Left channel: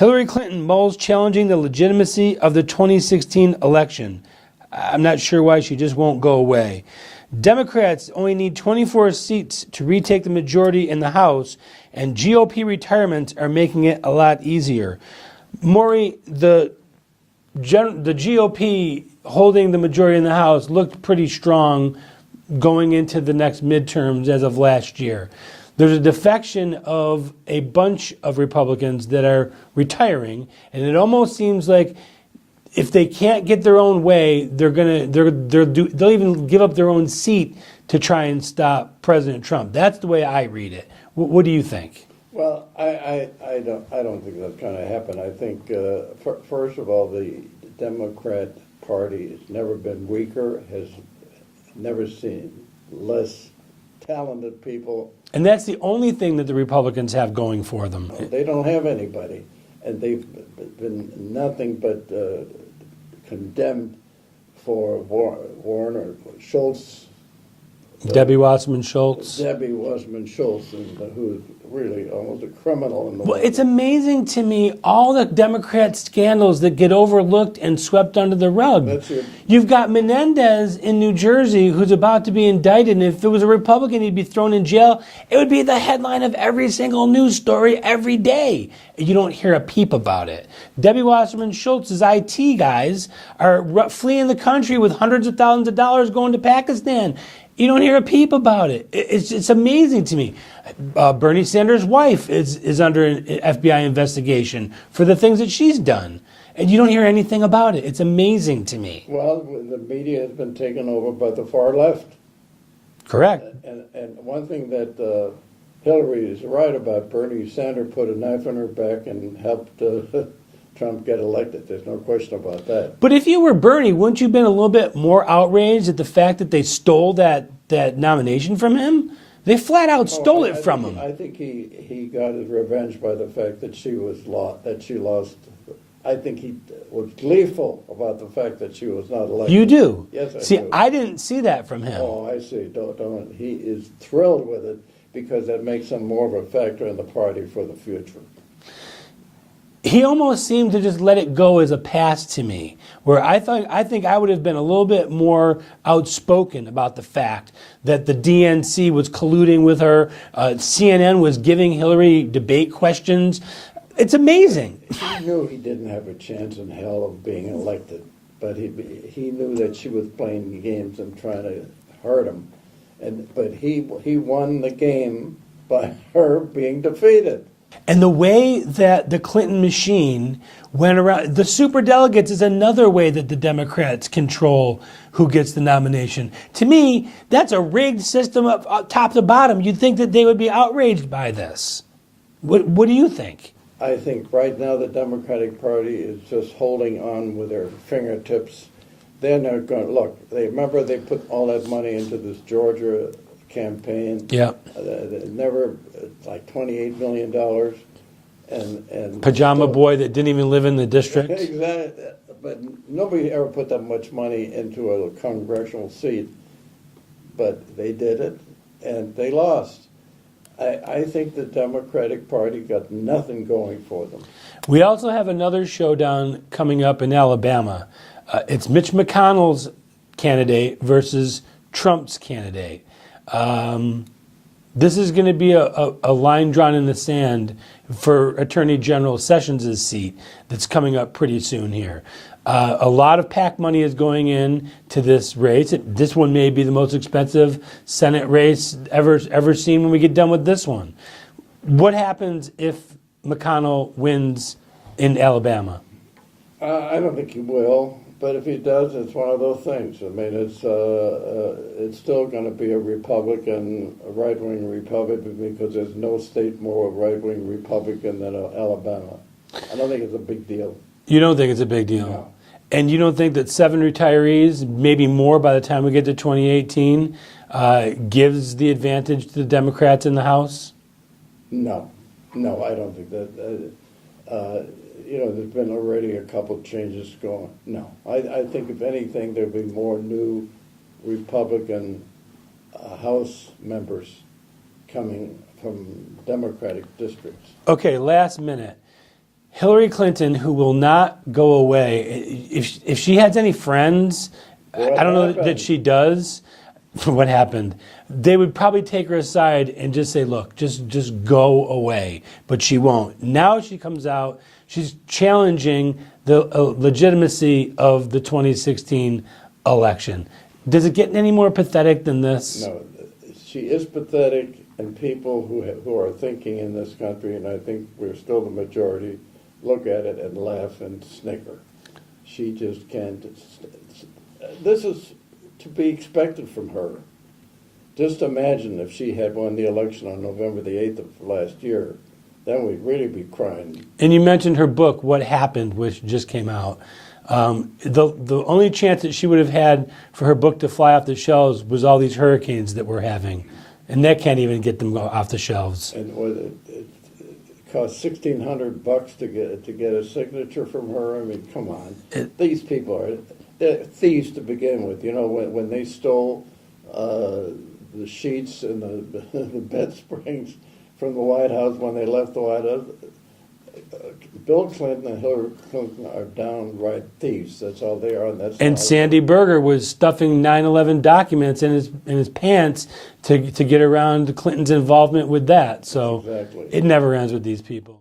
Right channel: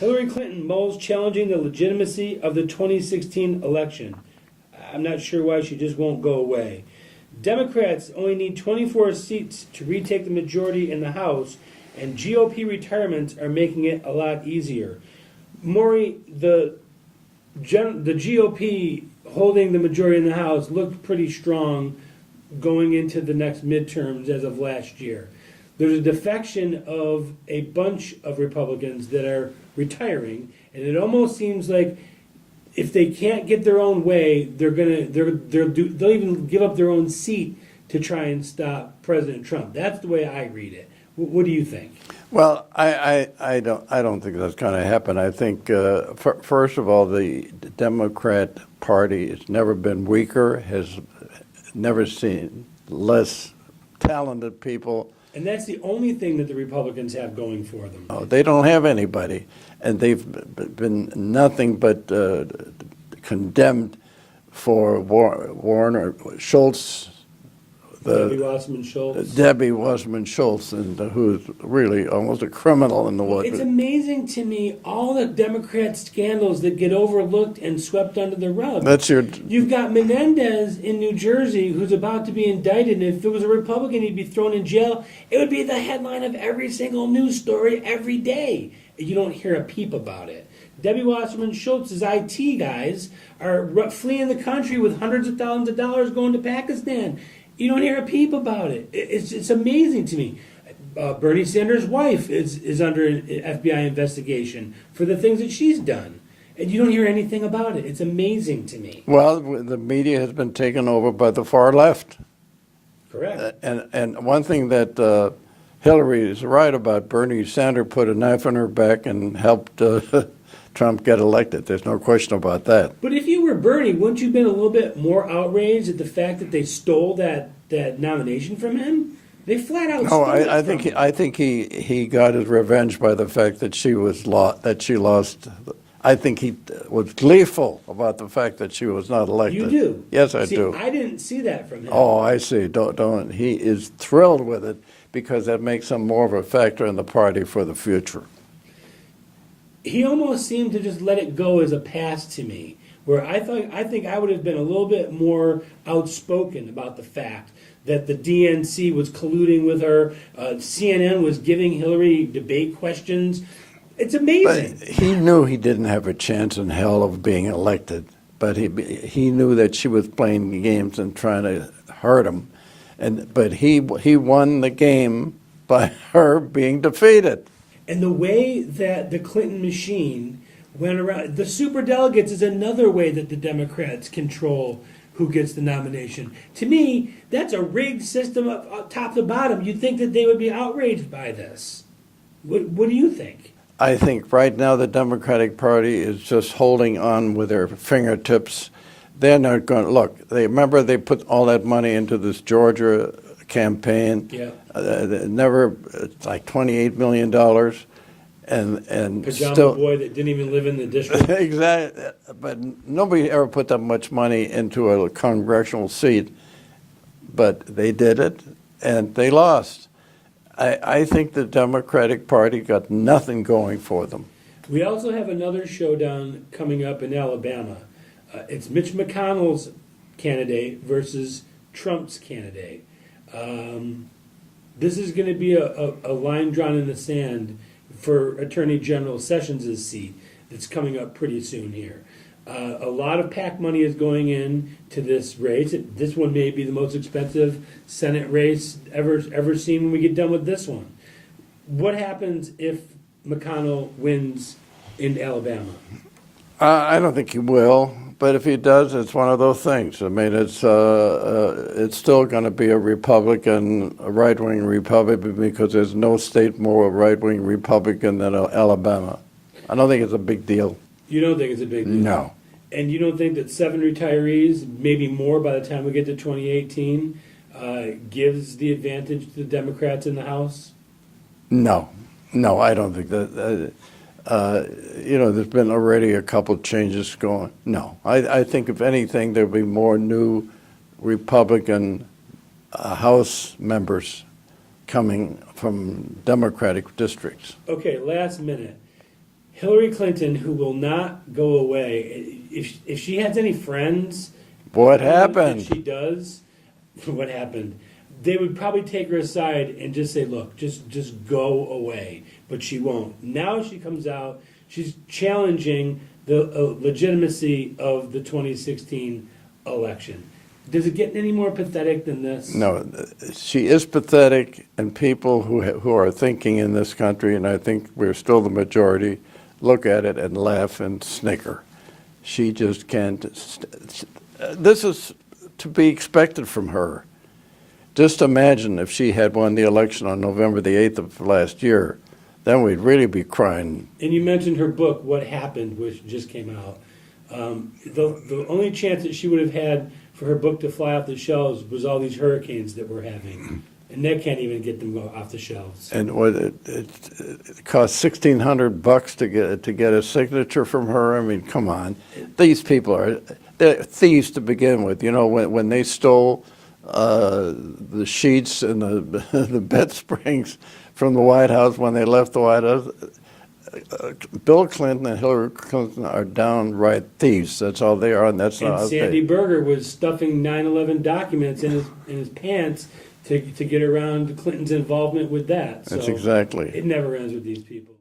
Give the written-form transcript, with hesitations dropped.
Hillary Clinton mulls challenging the legitimacy of the 2016 election. I'm not sure why she just won't go away. Democrats only need 24 seats to retake the majority in the House, and GOP retirements are making it a lot easier. Maury, the GOP holding the majority in the House looked pretty strong going into the next midterms as of last year. There's a defection of a bunch of Republicans that are retiring, and it almost seems like if they can't get their own way, they'll even give up their own seat to try and stop President Trump. That's the way I read it. What do you think? Well, I don't think that's going to happen. I think first of all, the Democrat Party has never been weaker, has never seen less talented people. And that's the only thing that the Republicans have going for them. Oh, they don't have anybody, and they've been nothing but condemned for Schultz. Debbie Wasserman-Schultz. Debbie Wasserman-Schultz, and who's really almost a criminal in the way. Well, it's amazing to me, all the Democrat scandals that get overlooked and swept under the rug. You've got Menendez in New Jersey who's about to be indicted, and if it was a Republican, he'd be thrown in jail. It would be the headline of every single news story every day. You don't hear a peep about it. Debbie Wasserman-Schultz's IT guys are fleeing the country with hundreds of thousands of dollars going to Pakistan. You don't hear a peep about it. It's amazing to me. Bernie Sanders' wife is under an FBI investigation for the things that she's done. And you don't hear anything about it. It's amazing to me. Well, the media has been taken over by the far left. Correct. And one thing that Hillary is right about, Bernie Sanders put a knife in her back and helped Trump get elected. There's no question about that. But if you were Bernie, wouldn't you have been a little bit more outraged at the fact that they stole that nomination from him? They flat out stole it from him. I think he got his revenge by the fact that she lost. I think he was gleeful about the fact that she was not elected. You do? Yes, I do. See, I didn't see that from him. Oh, I see. Don't. He is thrilled with it because that makes him more of a factor in the party for the future. He almost seemed to just let it go as a pass to me, where I think I would have been a little bit more outspoken about the fact that the DNC was colluding with her. CNN was giving Hillary debate questions. It's amazing. But he knew he didn't have a chance in hell of being elected, but he knew that she was playing the games and trying to hurt him, but he won the game by her being defeated. And the way that the Clinton machine went around, the superdelegates is another way that the Democrats control who gets the nomination. To me, that's a rigged system of top to bottom. You'd think that they would be outraged by this. What do you think? I think right now the Democratic Party is just holding on with their fingertips. They're not going to, look, remember they put all that money into this Georgia campaign. Yeah. Never, like $28 million. And Pajama boy that didn't even live in the district. Exactly. But nobody ever put that much money into a congressional seat. But they did it, and they lost. I think the Democratic Party got nothing going for them. We also have another showdown coming up in Alabama. It's Mitch McConnell's candidate versus Trump's candidate. This is going to be a line drawn in the sand for Attorney General Sessions' seat that's coming up pretty soon here. A lot of PAC money is going in to this race. This one may be the most expensive Senate race ever seen when we get done with this one. What happens if McConnell wins in Alabama? I don't think he will. But if he does, it's one of those things. I mean, it's still going to be a Republican, a right-wing Republican, because there's no state more right-wing Republican than Alabama. I don't think it's a big deal. You don't think it's a big deal? No. And you don't think that 7 retirees, maybe more by the time we get to 2018, gives the advantage to the Democrats in the House? No, I don't think that. There's been already a couple of changes going. No, I think if anything, there'll be more new Republican House members coming from Democratic districts. Okay, last minute. Hillary Clinton, who will not go away, if she has any friends, I don't know that she does. What happened? They would probably take her aside and just say, look, just go away. But she won't. Now she comes out, she's challenging the legitimacy of the 2016 election. Does it get any more pathetic than this? No, she is pathetic, and people who are thinking in this country, and I think we're still the majority, look at it and laugh and snicker. She just can't. This is to be expected from her. Just imagine if she had won the election on November the 8th of last year, then we'd really be crying. And you mentioned her book, What Happened, which just came out. The only chance that she would have had for her book to fly off the shelves was all these hurricanes that we're having. And that can't even get them off the shelves. And it cost $1,600 to get a signature from her. I mean, come on. These people they're thieves to begin with. You know, when they stole the sheets and the bed springs from the White House when they left the White House, Bill Clinton and Hillary Clinton are downright thieves. That's all they are, and that's. And Sandy Berger was stuffing 9/11 documents in his pants to get around Clinton's involvement with that. So that's exactly. It never ends with these people.